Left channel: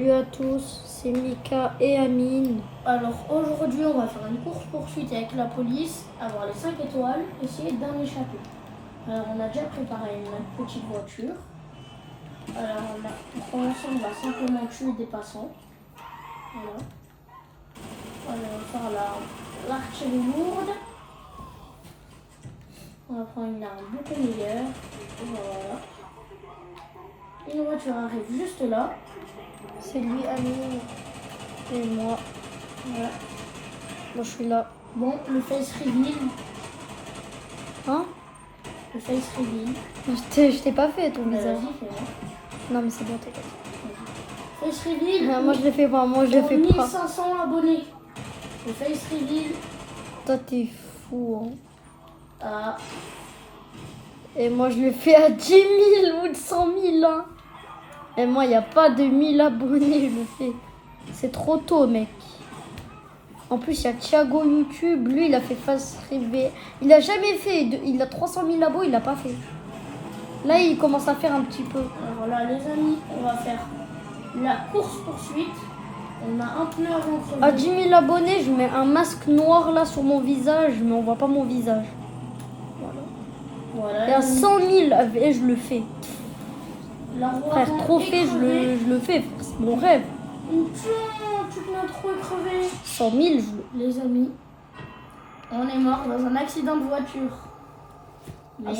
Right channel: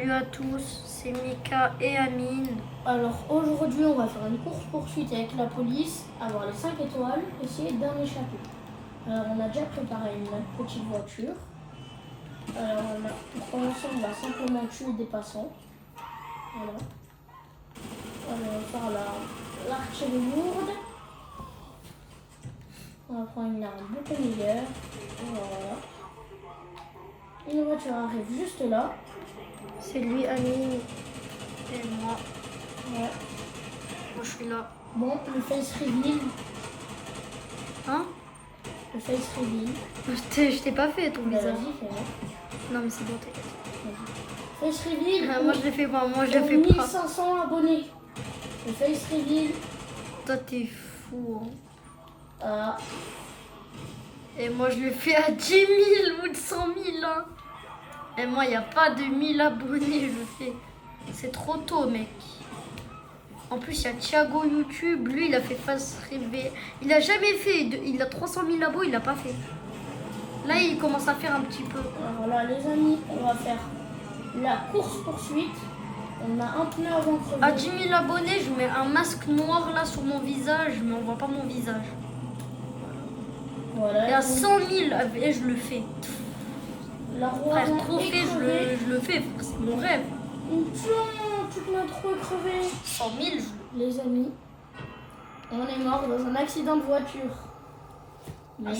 Salut à tous, c'est Mika et Amine. Alors aujourd'hui on va faire une course poursuite avec la police, avoir les 5 étoiles, essayer d'en échapper. Alors on a déjà préparé une petite voiture. Alors pour commencer on va simplement tuer des passants. Voilà. On va faire l'artillerie lourde. On va prendre une arme beaucoup meilleure. Voilà. Une voiture arrive juste là. C'est lui, Amine et moi. Voilà. Moi je suis là. Bon, le face reveal. Hein? Le face reveal. Je t'ai pas fait ton visage. Vas-y, fais-le. Non mais c'est bon, t'inquiète. Face reveal. Moi je le fais pas, moi je le fais pas. 1500 abonnés. Le face reveal. Toi t'es fou, hein. Ah, Et moi je le fais à 10 000 ou de 100 000, hein. Et moi il n'y a pas de 1000 abonnés, je le fais. C'est trop tôt, mec. En plus, il y a Thiago YouTube. Lui, il a fait face rêver. Il a jamais fait. Il a 300 000 abos, il l'a pas fait. Là, il commence à faire un petit peu. voilà les amis, on va faire la course poursuite. On a un pneu à crever. À 10 000 abonnés, je mets un masque noir là sur mon visage, mais on voit pas mon visage. Voilà, Et à 100 000, et je le fais. la roue Frère, arrière trophée, est crevée. je le fais. C'est mon rêve. Toute notre roue est crevée. 100 000, Les amis, on est mort dans un accident de voiture. Mais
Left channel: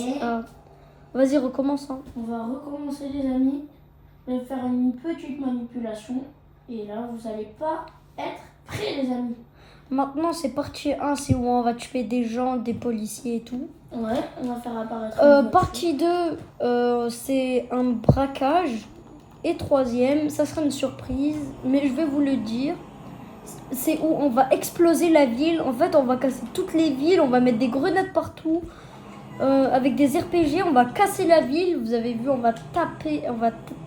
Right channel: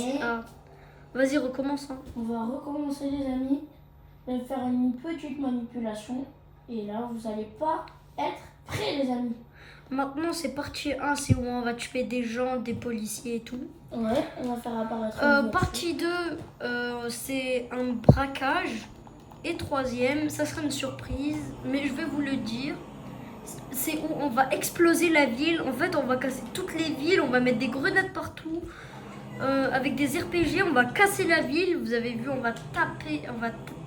Vas-y, recommence. Hein. on va recommencer les amis. On va faire une petite manipulation. Et là, vous n'allez pas être prêts les amis. Maintenant, c'est partie 1, c'est où on va tuer des gens, des policiers et tout. Ouais, on va faire apparaître une voiture. Partie 2, c'est un braquage. Et troisième, ça sera une surprise, mais je vais vous le dire. C'est où on va exploser la ville. En fait, on va casser toutes les villes, on va mettre des grenades partout. Avec des RPG, on va casser la ville. Vous avez vu, on va taper,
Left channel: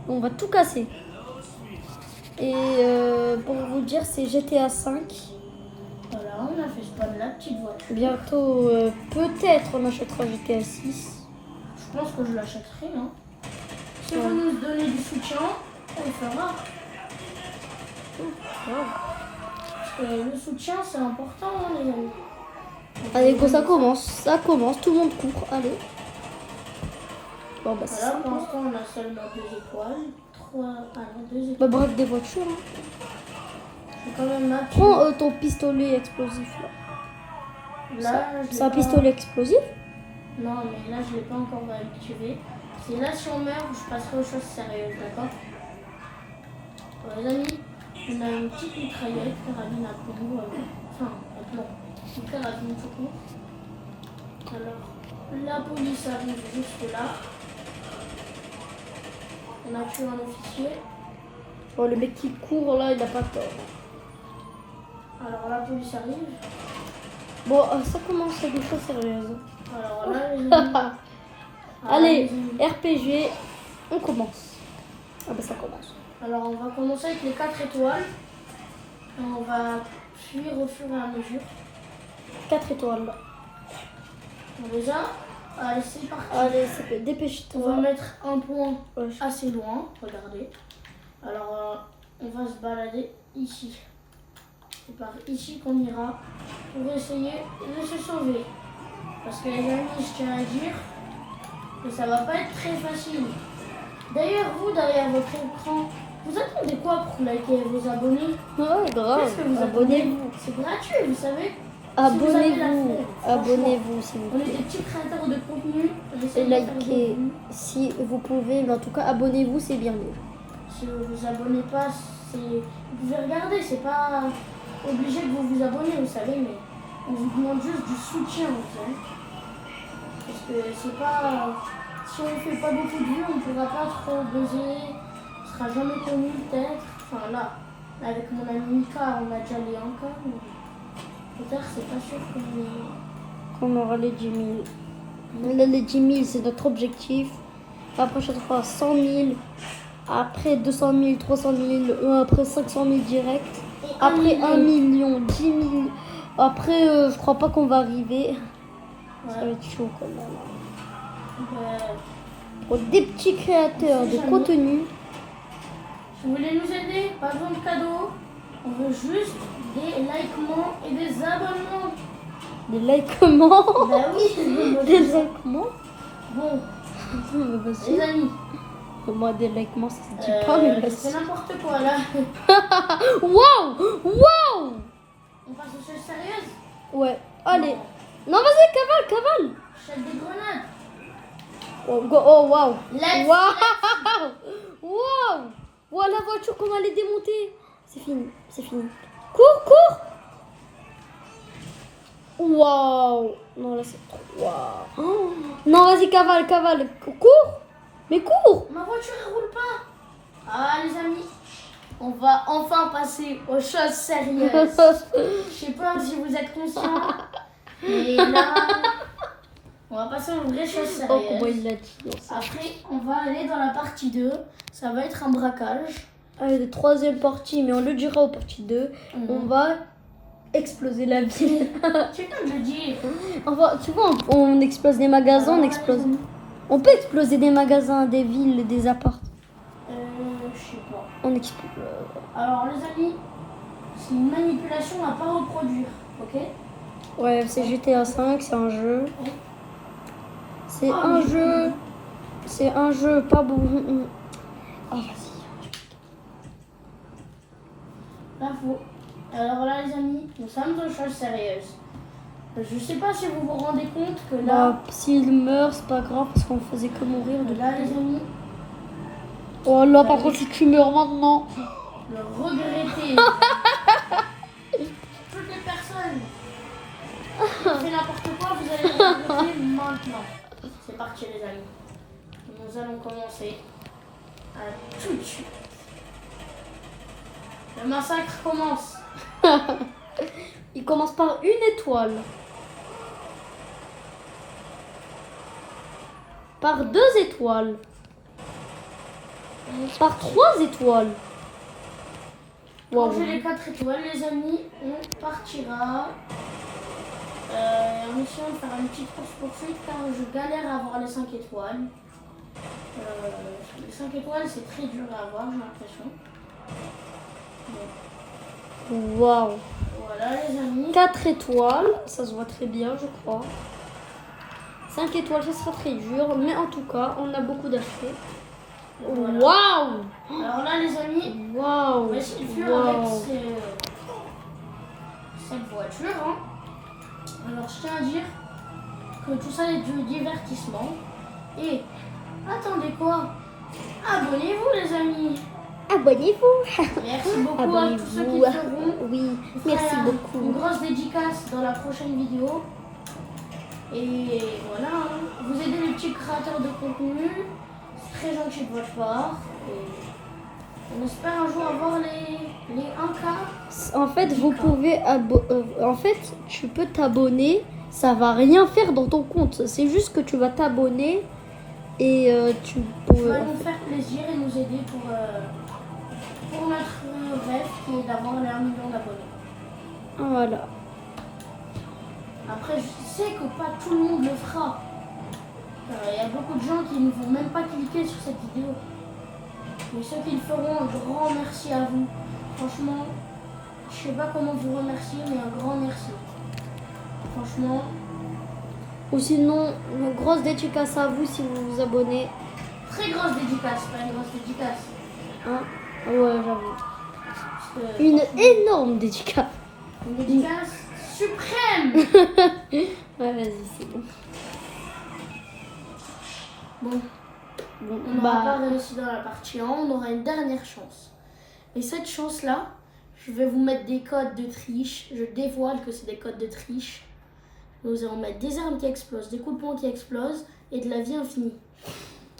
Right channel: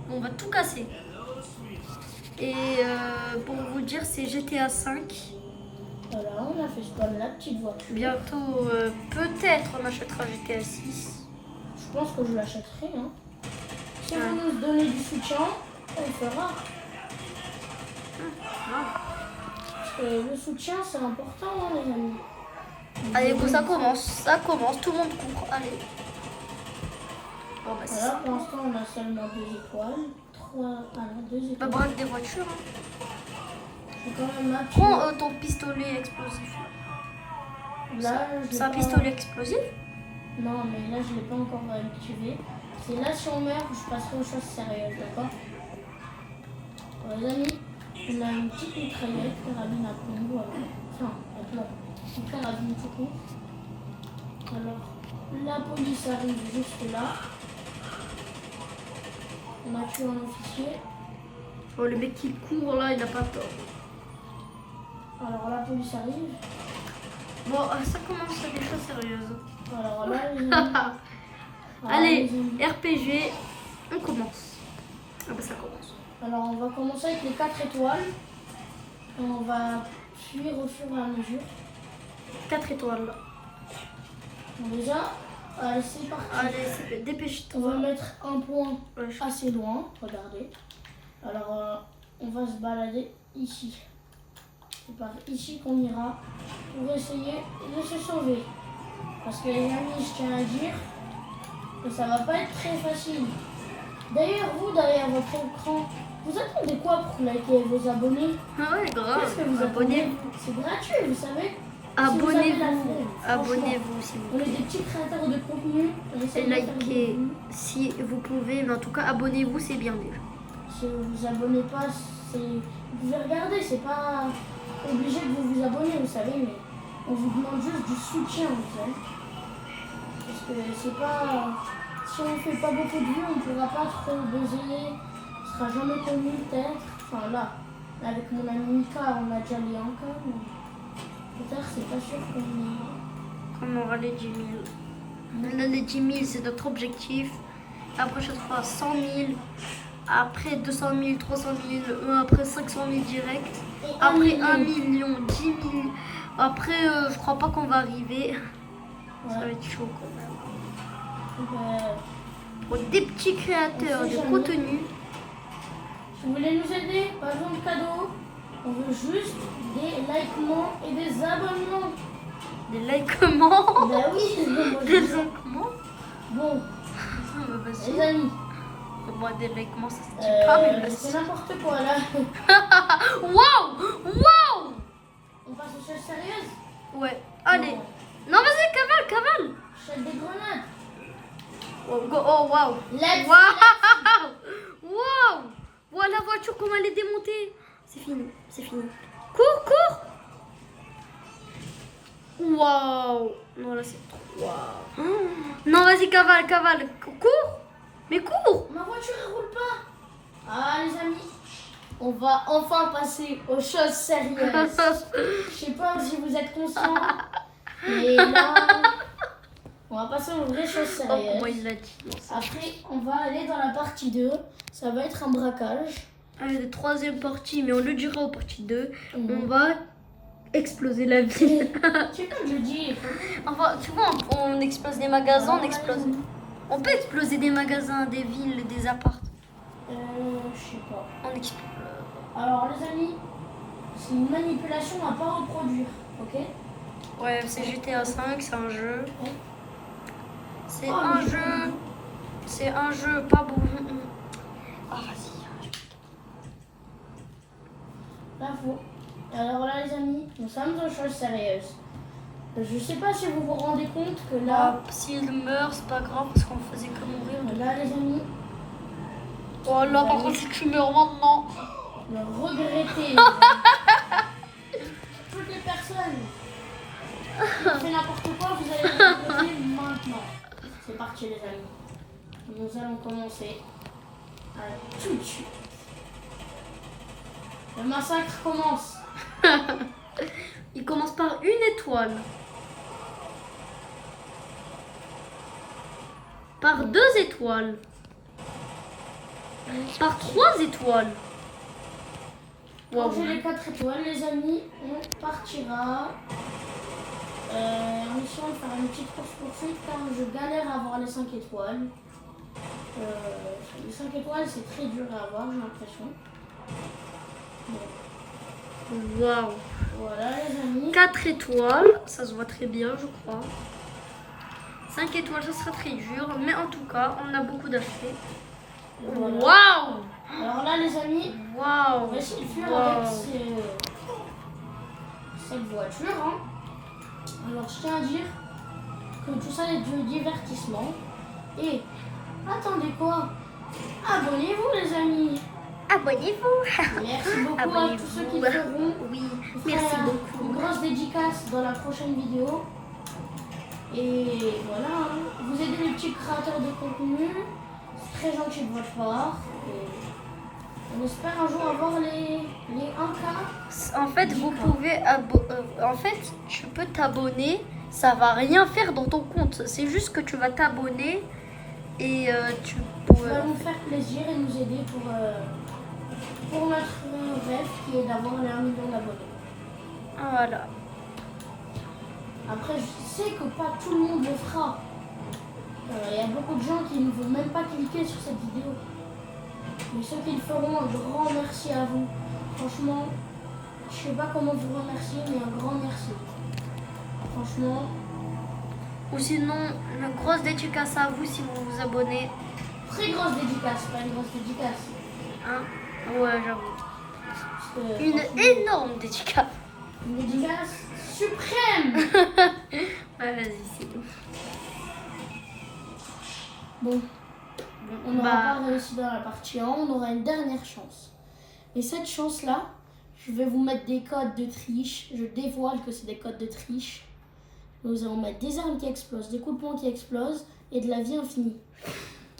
on va tout casser. Et pour vous dire, c'est GTA 5. Voilà, on a fait spawn la petite voiture. Bientôt, peut-être, on achètera GTA 6. Je pense que je l'achèterai. Hein. Si vous nous donnez du soutien, on le fera. Parce que le soutien, c'est important, hein, les amis. Allez, bon, ça commence, tout le monde court, allez. Bon, bah, c'est Voilà, ça. pour l'instant, on a seulement 2 étoiles. 2 Bah, étoiles. braque des voitures. Hein. Je vais quand même m'appuyer. Prends ton pistolet explosif là. Là, C'est un pistolet explosif? Non, mais là, je ne l'ai pas encore activé. C'est là, si on meurt, je passerai aux choses sérieuses, d'accord? Les amis, on a une petite mitraillette, carabine à plomb. Enfin, à plomb. Une carabine tout court. Alors, la police arrive juste là. On a tué un officier. Oh, le mec qui court là, il a pas tort. Alors, la police arrive. Bon, ça commence à des choses sérieuses. Alors là, les amis. Allez, les amis. RPG, on commence. Ah bah ça commence. Alors, on va commencer avec les 4 étoiles. Et on va fuir au fur et à mesure. 4 étoiles là. Bon, déjà, allez, c'est parti. Allez, On va dépêche-toi. mettre un point Ouais, assez loin. Regardez. Alors, on va se balader ici. C'est par ici qu'on ira pour essayer de se sauver. Parce que les amis, je tiens à dire que ça va pas être très facile. D'ailleurs, vous, derrière votre écran, vous attendez quoi pour liker vos abonnés? Ouais, grave. Qu'est-ce que vous Abonnez-vous. C'est gratuit, vous savez. Abonnez-vous. Franchement, Abonnez-vous s'il vous On est plaît. des petits créateurs de contenu. On essaie Et de faire des likez contenus. si vous pouvez, mais en tout cas, abonnez-vous, c'est bien déjà. Si vous vous abonnez pas, vous pouvez regarder, c'est pas obligé de vous abonner, vous savez, mais on vous demande juste du soutien, vous savez. Parce que c'est pas. Si on fait pas beaucoup de vues, on ne pourra pas trop buzzer, on sera jamais connu peut-être. Enfin là, avec mon ami Mika, on a déjà les 1K, mais peut-être c'est pas sûr qu'on On aura les 10 000. Là, les 10 000, c'est notre objectif. La prochaine fois, 100 000. Après 200 000, 300 000. Après 500 000 direct. Après 1 million, 10 000. Après, je crois pas qu'on va arriver. Ça va être chaud quand même. Pour des petits créateurs de contenu. vous voulez nous aider, pas besoin de cadeaux. On veut juste des likements et des abonnements. Des likements. Bah oui, moi, Des likements. Bon, Bah, vas-y. les amis, Moi, des likements, ça se dit pas, mais vas-y. c'est n'importe quoi là. Waouh! Waouh! On passe aux choses sérieuses. Ouais, allez. Non, vas-y, cavale. Jette des grenades. Oh, oh waouh! Let's Waouh! Waouh! Waouh, la voiture, comment elle est démontée! C'est fini. Cours! Waouh! Non, là, c'est trop. Waouh! Oh. Non, vas-y, cavale. Cours! Mais cours! Ma voiture elle roule pas. Ah les amis, on va enfin passer aux choses sérieuses. Je sais pas si vous êtes conscients, mais là, on va passer aux vraies choses Oh, comment sérieuses. il l'a dit? Non, ça. Après, on va aller dans la partie 2. Ça va être un braquage. Allez, troisième partie, mais on le dira au partie 2. Mhm. On va exploser la ville. C'est comme je dis. Enfin, tu vois, on explose des magasins, Alors, on explose. On peut exploser des magasins, des villes, des apparts. Je sais pas. On explose. Alors les amis, c'est une manipulation à pas reproduire, ok? Ouais, c'est GTA 5, c'est un jeu. Ouais. C'est Ah, un mais- jeu. C'est un jeu pas bon. Oh, vas-y. L'info. Alors là les amis, nous sommes aux choses sérieuses. Je sais pas si vous vous rendez compte que là, S'il meurt, c'est pas grave parce qu'on faisait que mourir de là les amis, Oh là, par contre, si tu meurs maintenant. le regretter. Toutes les personnes qui ont fait n'importe quoi, vous allez le regretter maintenant. C'est parti les amis. Nous allons commencer à tout de suite. Le massacre commence. Il commence par une étoile. Par 2 étoiles. Par 3 étoiles. Quand Wow. j'ai les 4 étoiles, les amis, on partira. En essayant de faire une petite course-poursuite car je galère à avoir les 5 étoiles. Les 5 étoiles, c'est très dur à avoir, j'ai l'impression. Waouh. Voilà, les amis. 4 étoiles, ça se voit très bien, je crois. 5 étoiles, ça sera très dur, mais en tout cas, on a beaucoup d'achetés. Voilà. Waouh. Alors là, les amis, on Waouh. va essayer de fuir Waouh. avec cette voiture. Hein. Alors, je tiens à dire que tout ça est du divertissement. Et attendez quoi? Abonnez-vous, les amis. Abonnez-vous. Merci beaucoup à tous ceux qui le feront. Oui, Je merci ferai beaucoup. Une grosse dédicace dans la prochaine vidéo. Et voilà, hein. Vous aidez les petits créateurs de contenu. C'est très gentil de votre part. Et on espère un jour avoir les 1K. En fait, vous pouvez en fait, tu peux t'abonner, ça va rien faire dans ton compte. C'est juste que tu vas t'abonner et tu Ça peux. va nous faire plaisir et nous aider pour notre rêve qui est d'avoir les 1 million d'abonnés. Voilà. Après, je sais que pas tout le monde le fera. Il y a beaucoup de gens qui ne vont même pas cliquer sur cette vidéo. Mais ceux qui le feront, un grand merci à vous. Franchement, je sais pas comment vous remercier, mais un grand merci. Franchement, Ou sinon, une grosse dédicace à vous si vous vous abonnez. très grosse dédicace, pas une grosse dédicace. Hein? Ouais, j'avoue. Parce que, Une franchement, énorme dédicace. une dédicace suprême. Ouais, vas-y, c'est bon. Bon, Bon, on n'aura pas réussi dans la partie 1, on aura une dernière chance. Et cette chance-là, je vais vous mettre des codes de triche. Je dévoile que c'est des codes de triche. Nous allons mettre des armes qui explosent, des coups de poing qui explosent et de la vie infinie.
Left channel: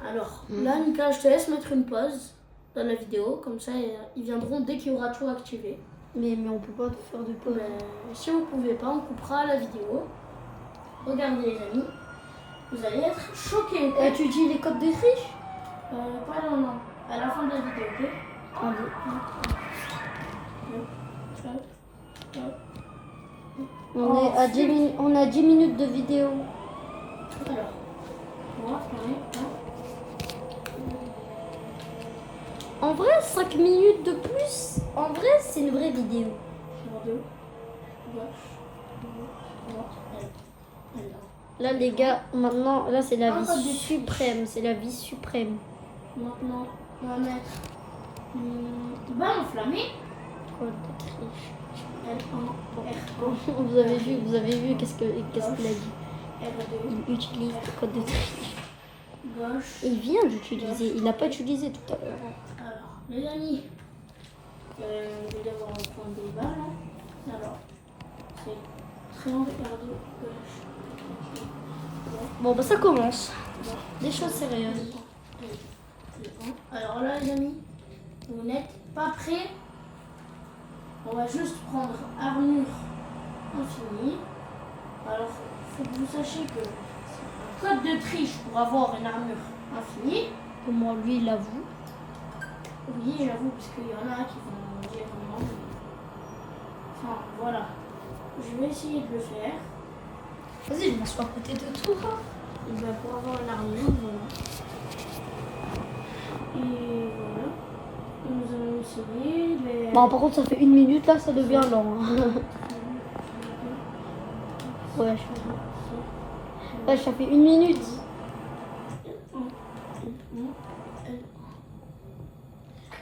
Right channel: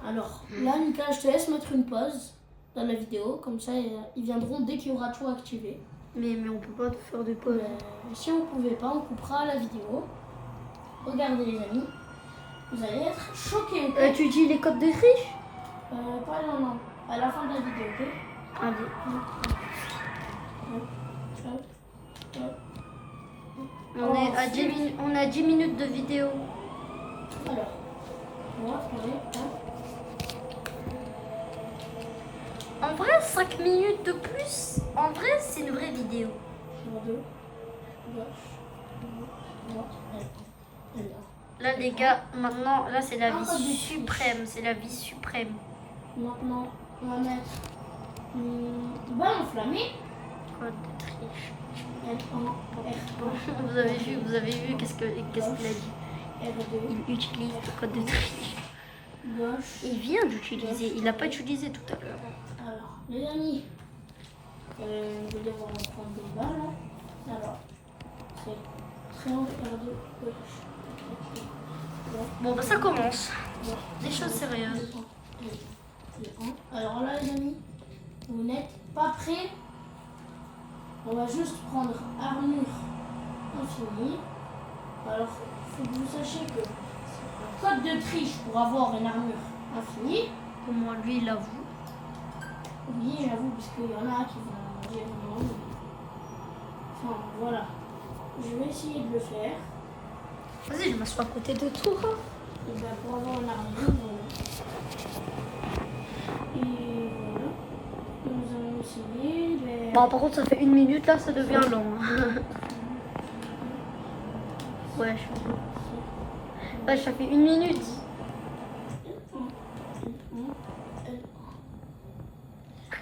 Alors là, Nicolas, je te laisse mettre une pause dans la vidéo. Comme ça, ils viendront dès qu'il y aura tout activé. mais on peut pas faire de pause. Si vous ne pouvez pas, on coupera la vidéo. Regardez les amis. Vous allez être choqués, ok? Tu dis les codes de triche? Pas non, non. À la fin de la vidéo, ok? Allez. Oh, On est à 10 minutes de vidéo. Alors, on va trouver, hein. En vrai, 5 minutes de plus, en vrai, c'est une vraie vidéo. Sur 2. Gauche. Droite. Là, les gars, maintenant, là, c'est la Ah, vie pas de suprême. C'est la vie suprême. Maintenant, on va mettre balle enflammée. Code de triche. R1, R1, Vous avez vu qu'est-ce qu'il a dit? R2, Il utilise le code de triche. gauche. Il vient d'utiliser. Il n'a pas utilisé tout à l'heure. Alors, les amis, vous allez devoir prendre des balles. Hein. Alors, c'est triangle R2, gauche. Bon, bah ça commence. Gauche. Des choses sérieuses. Alors là, les amis, vous n'êtes pas prêts. On va juste prendre armure infinie. Alors, il faut que vous sachiez que c'est un code de triche pour avoir une armure infinie. Pour moi, lui, il avoue. Oui, j'avoue, parce qu'il y en a qui vont dire non. Enfin, voilà. Je vais essayer de le faire. Vas-y, je m'assois à côté de toi. Et bien, pour avoir une armure, voilà. Et voilà. Nous allons essayer. Mais... Bon, par contre, ça fait 1 minute, là, ça devient lent. Ouais, ça fait 1 minute.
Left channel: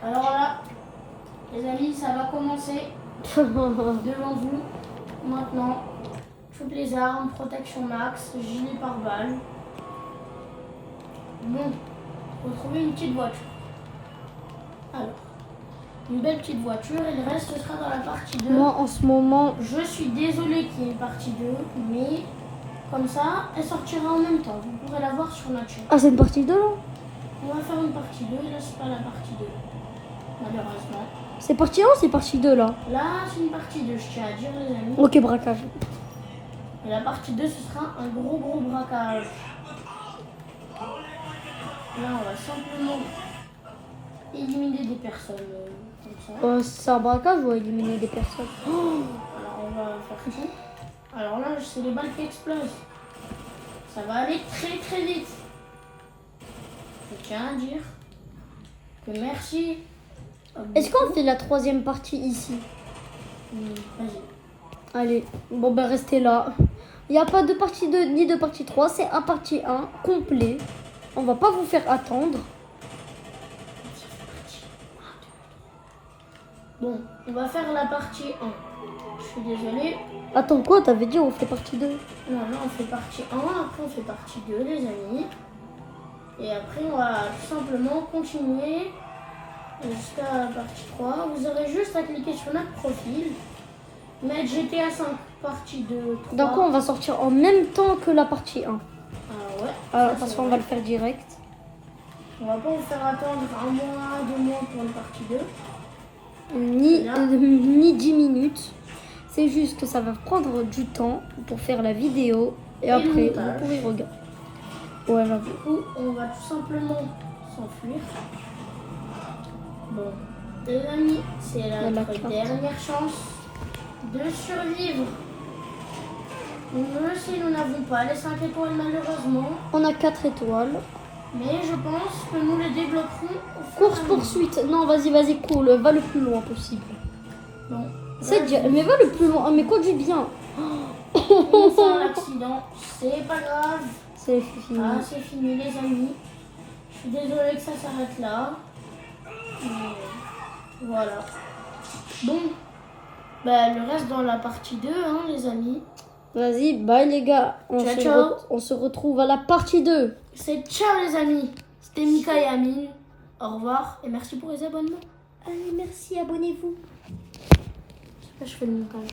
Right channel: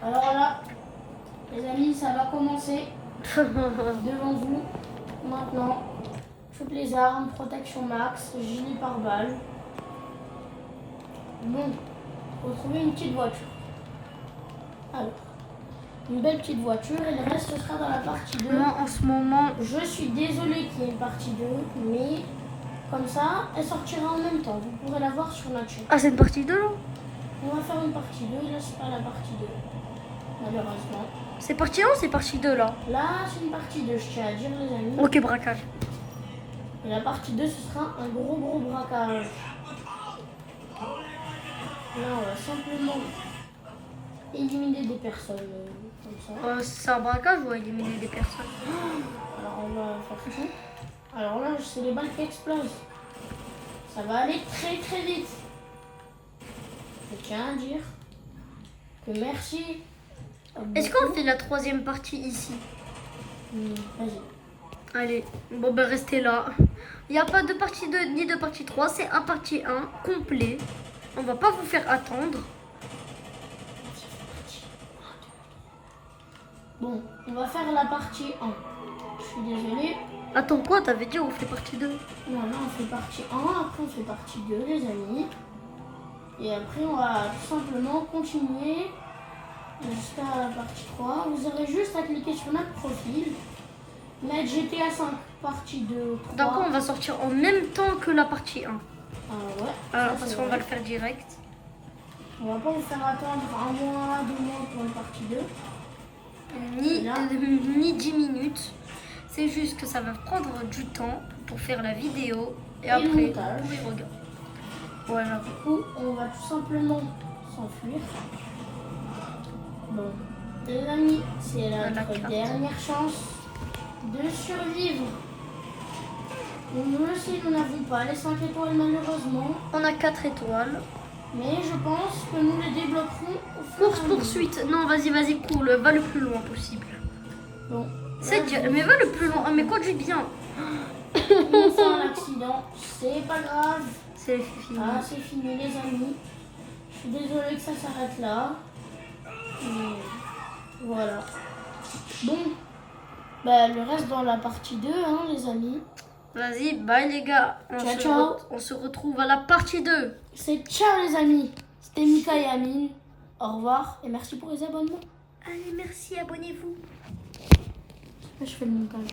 Alors là, les amis, ça va commencer devant vous. Maintenant, toutes les armes, protection max, gilet pare-balles. Bon, retrouver une petite voiture. Alors, une belle petite voiture et le reste ce sera dans la partie 2. Moi, en ce moment, Je suis désolée qu'il y ait une partie 2, mais comme ça, elle sortira en même temps. Vous pourrez la voir sur notre chaîne. ah, c'est une partie 2 là? On va faire une partie 2 et là, c'est pas la partie 2. Malheureusement. C'est partie 1 ou c'est partie 2 là? Là, c'est une partie 2, je tiens à dire, les amis. Ok, braquage. Et la partie 2, ce sera un gros braquage. Là, on va simplement éliminer des personnes comme ça. C'est un braquage ou éliminer des personnes? Alors, on va faire ça. Alors là, c'est les balles qui explosent. Ça va aller très très vite. Je tiens à dire que merci. Est-ce qu'on fait la 3e partie ici? Vas-y. Allez, bon ben restez là. Il n'y a pas de partie 2 ni de partie 3, c'est un partie 1 complet. On va pas vous faire attendre. Bon, on va faire la partie 1. Je suis désolée. Attends quoi? T'avais dit on fait partie 2? Non, là on fait partie 1, après on fait partie 2, les amis. Et après on va tout simplement continuer jusqu'à la partie 3. Vous aurez juste à cliquer sur notre profil, mettre GTA 5 partie 2, 3. Donc on va sortir en même temps que la partie 1. Alors ouais. Alors ça, parce c'est qu'on va vrai. le faire direct. On va pas vous faire attendre 1 mois, 2 mois pour une partie 2. Ni 10 minutes. C'est juste que ça va prendre du temps pour faire la vidéo. Et le après, montage. vous pourrez regarder. Ouais, j'avoue. Du coup, on va tout simplement s'enfuir. Bon, les amis, c'est la notre carte. dernière chance de survivre. Nous aussi, nous n'avons pas les 5 étoiles malheureusement, On a 4 étoiles. mais je pense que nous les débloquerons au fur et à Course mesure. poursuite. Non, vas-y, cours. Va le plus loin possible. Bon, C'est là, mais va le plus loin. Mais conduis bien. on fait un accident, c'est pas grave. C'est fini. Ah, c'est fini les amis. Je suis désolée que ça s'arrête là. Mais voilà. Bon, bah, le reste dans la partie 2, hein, les amis. Vas-y, bye les gars. Ciao. On se retrouve à la partie 2. C'est ciao les amis. C'était Mika et Amine. Au revoir et merci pour les abonnements. Allez, merci, abonnez-vous. Je fais le montage.